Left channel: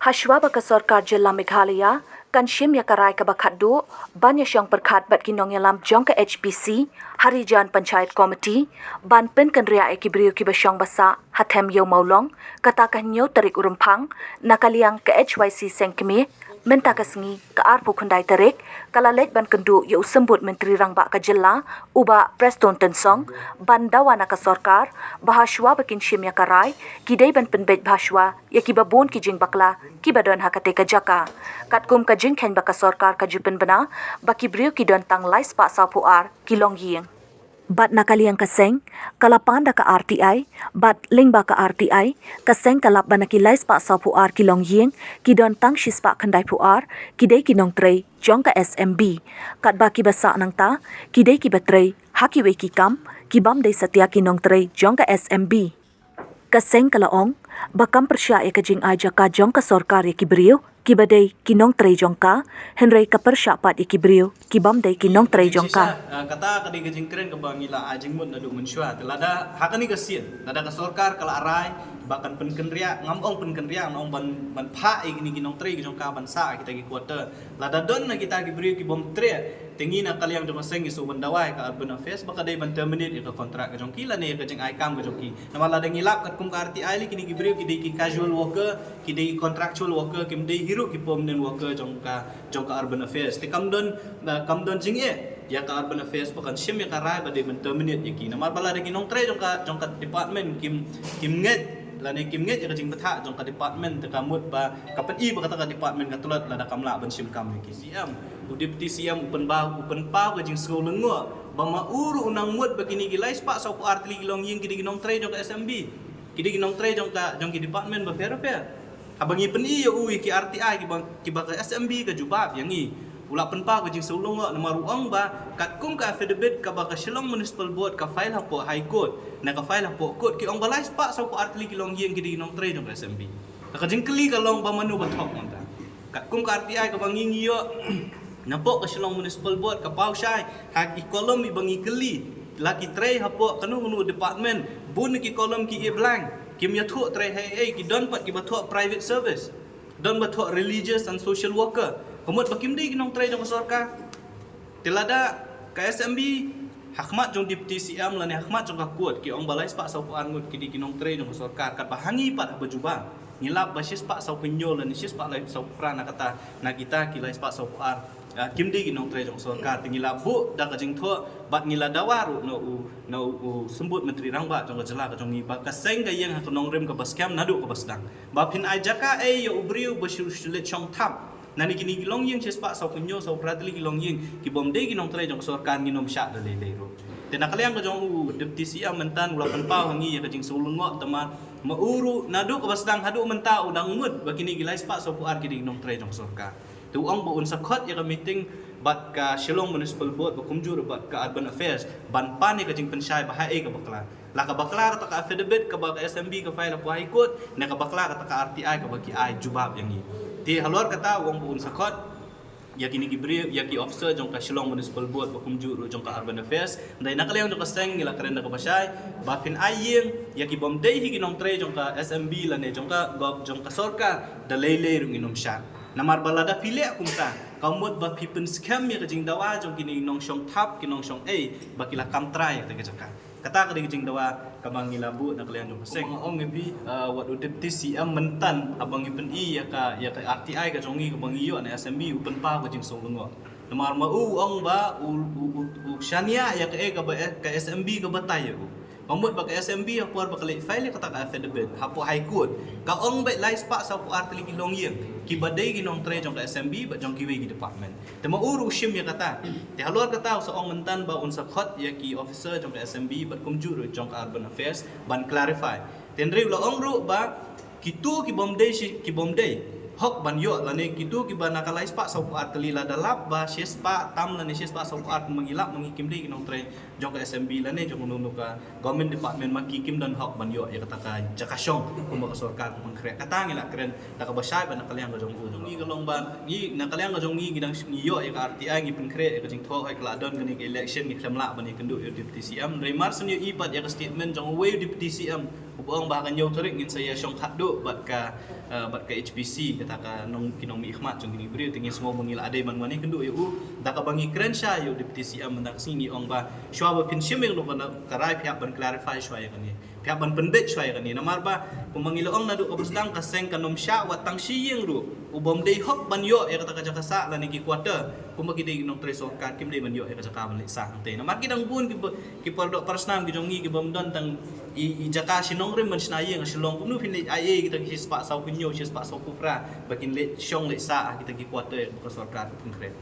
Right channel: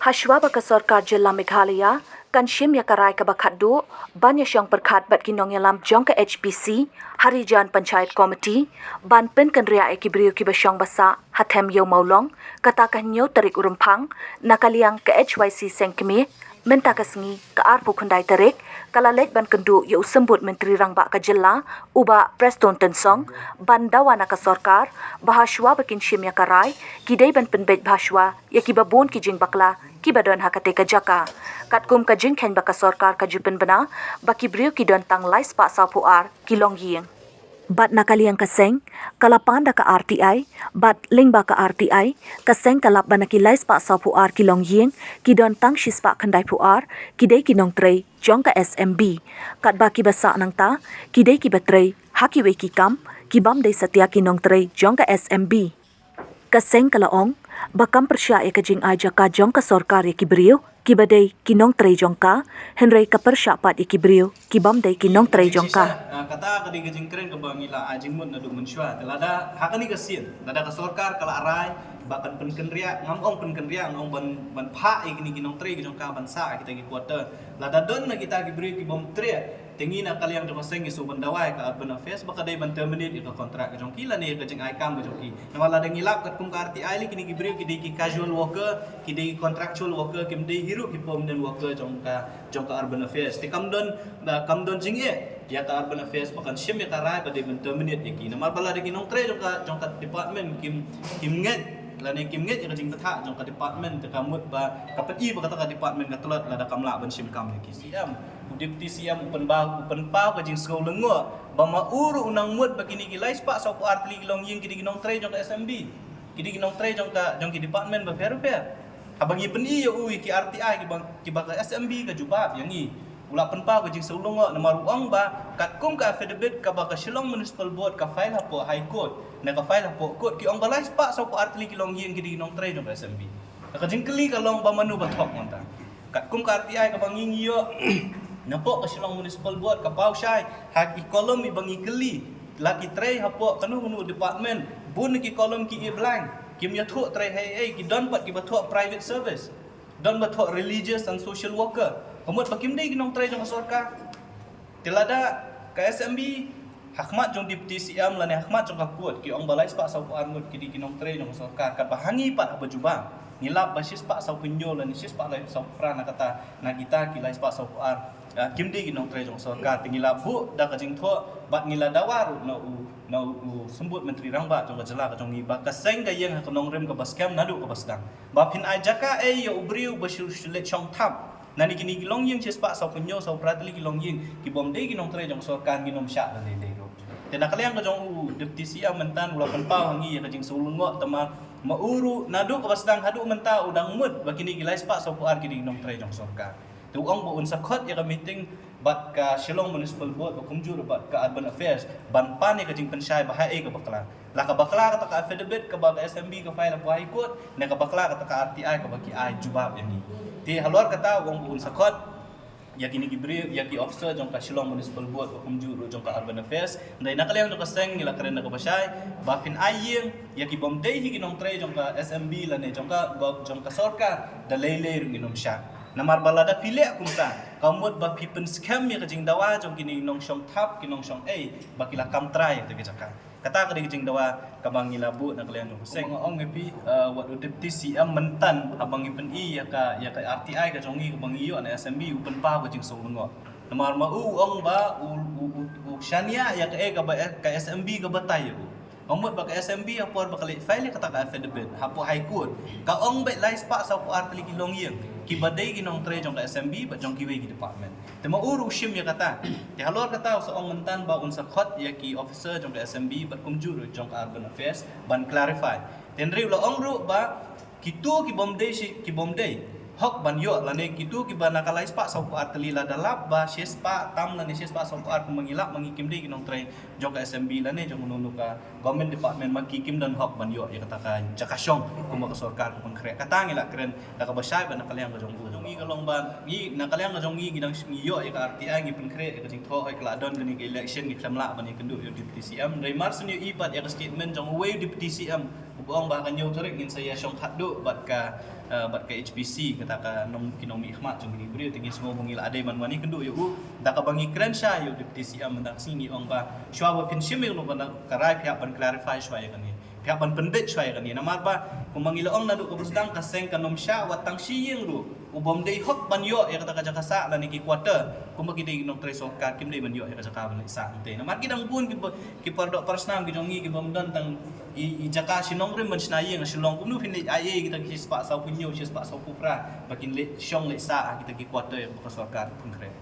Hashwa baka Sarkar Jilla Meghalaya kanshim ya karai ka bakaddu ban ya syang perkhat bat kinong yalam jong ka HPC Harijan Panchayat Committee ban pen kan ria ekibriyo ki basyang basa hatem yo maulong kata kanyo tarik urumphang nakaliang ka HYC sengkemi menta kasngi ka arpu kundai tarik kalalej ban kendu ya usembut menteri rangba ka jilla uba Preston Tensong ban dawana ka Sarkar bahashwa bakin shim ya karai kidai ban penbej bahashwa ya kibabon ki jing bakla kibadon hakate ka jaka katkum ka jing khen baka Sarkar ka jupen bana baki brio kidon tang lais pa sapu ar kilong ying bat nakaliang kaseng kalapan da ka RTI bat lingba ka RTI kaseng kalap banaki lais pa sapu ar kilong ying kidon tang shispa khandai pu ar kidai kinong trei jong ka SMB kat baki basa nang ta kidai ki batrei haki we ki kam kibam dei satya kinong trei jong ka SMB kaseng kalaong bakam persya e kajing aja ka jong ka Sarkar e kibrio kibadai kinong trei jong ka henrei ka persya pat e kibrio kibam dei kinong trei jong ka kata kadi kajing keren ke bangila ajing mun nadu mensyua telada hakani kasien lada ka Sarkar kala arai bakan penkenria ngamong penkenria ngong ban pha e gini kinong trei jong ka ban sa kita gi quarter lada don na kita kibrio ki bom tre tingi na kaliang jong seng isu bandawai ka urban affairs baka dai ban terminate ka kontrak ka jong kila ne ka jeng ai kam ka jong ki nama lada ngilap kat kum ka RTI li kini kibrio ki dei ki casual worker ki dei contractual worker kim dei hiru ki permanent worker jong ka urban affairs te kam don jing e ya ka urban affairs bakan shim ya ka rai ba dei ban terminate ki nama bala de kinong tre jong ka department kim nget lane kim nget ka jing batha jong ka department te kamut ba kapan i ba kata ka department ka tulat lada kamla ban shim kam ki siam deputy siam upan pa ka jing school lengo ba mauru unang mut bagini gi lais pa sa ko artli gilong ying kidi ginong tre jong ka SMB kidi ginong tre jong ki department ba fair habangi peni yo ui ki RTI ki ba ka SMB ka jubab yang i ula penpa ko jing sulungo na maruang ba katkum ka affidavit ka ba ka Shillong Municipal Board ka file hapo High Court na ka file hapo court ki ong balais pa sa ko artli kilong yeng kidi nong tre jong SMB na ka jing kli ka long ba manu ba thok monta katkum ka RTI ka banging yo napo ka Shillong Municipal Board ka pau shai hak i kolom i bangi kli laki tre hapo kanu department bun ki kolom ki e blank kim ya thu tre hai ki don pat ki ba thu private service don ba thu religious and social worker Pemut bakim dei kinong tre jong Sarkar. Tilada ka SMB hakmat jong deputy CM lane hakmat jong ka kuat ki ong balai spa sau an mut ki di kinong tre jong Sarkar kat bahangi pat abajuba. Ngilap basis pa sau pinyo lane sis pa lai sau prana kata na kita ki lai spa sau an kim dei kinong tre jong Sarkar tingila bu da ka jing tho bat ngila dawaru no u sembut menteri rangba jong ka jela ka jong ngiba ka seng ka yeng ka nong rem ka baskam nadu ka basdang. Ba pin ai jaka e yo ubriu basyul shulet chong thap nani kini gilong yeng chispa sau kunyo sau pratli gilong yeng ki bom dei ginong tre jong Sarkar nginom syak le le ro te nakaliang ka jong deputy siam mentan ula penpau hangi ka jing sulungo tama mauru nadu ka basdang hadu menta udang mud bakini gilai spa sau puar ki ginong tre jong Sarkar tu ong bo un sakot ya ka meeting bat ka Shillong Municipal Board bakumjur bat ka urban affairs ban pane ka jing pensyai bahai ka bakla la ka bakla ka affidavit ka ba ka SMB ka file pa High Court na ka bakla ka RTI ka baki ai jubab yang ni di halor kata wong buun sakot ya kini gibri ya ki officer jong ka Shillong Municipal Board bakum juru jong ka urban affairs ndai nakaliang jong ka seng ngila karen ka basay bapin ayeng ya ki bom dei higinong tre jong ka SMB lane jong ka Sarkar da lele rung inom sya namar balada pile kumta kamut ba pipen scam ya kajing dawa jong kini nong syong tap kinong syong bakila kam try te jaka kata ka jing dawa kabang ngilabu nakaliang jong seng ong ngepi wat deputy CM mentan abang ipen ya ka RTI ka jongi kabang iyo na SMB upen pa ka jing songlungo namar mau ong ba u shania ya ka SMB ka batay ko Omot baka SMB apor baka file kata ka affidavit hapo High Court ka ong bay lais pa sa puar tali kilong yeng kibaday ginong tre jong ka SMB ba jong kiwe ki department te mauru shim ya kata te halor kata sa ong mentan ba unsa khot ya ki officer jong ka SMB bat kumjur jong ka urban affairs ban clarify ten re lo ong ru ba kitu ki bomday hok ban yo lane kitu ki ba nakalais pa sa puar tali la dalap ba shes pa tam lane shes pa sa puar mangilap mangikim dei ginong tre jong ka SMB lane jong nunu ka government department magikim dan hok ban yo ya kata ka jakasyong kumaka Sarkar kumang kre katangila kren nakabasay ba nakaliang ka jong udong i galong ba ni nakaliang ka jong i gidang yo ya ka RTI ngi kre ka jing tho hoy kladon gani ka election ngi klamla ba ni kendu yo deputy CM ray marsun yo ipat ya ka statement jong way deputy CM Ubong bahkan jauh tarik ngin saya syong khaddu bat ka HPC kata ka nong kinong mi ikhmat jong gini beri tinggi semua mengila adai man mani kendu yu da ka bangi krensha yu deputy CM mendak sini ong ba shwa ba pinsim yang no kana karai pihak ban clarify shwa ya kani pihak ban pendet shwa ya kani namar ba kumangila ong nadu ka besdang ka seng kanom sya wat tang shi yeng ru ubom dei hok ban yo ya kata ka jakasa la ni ki quarter kumagi dei nong treso ka kim dei ban yo ya ka jaka ban sa ante namar kidang bun ki pordok persnam ki jongi ki bomdon tang i jaka sinong rim man snai yang silong kumnu fin le ai kita ki spa sau punyo spa sau kupra bakin le syong le sa kita ki quarter ya ka sarkar pengkret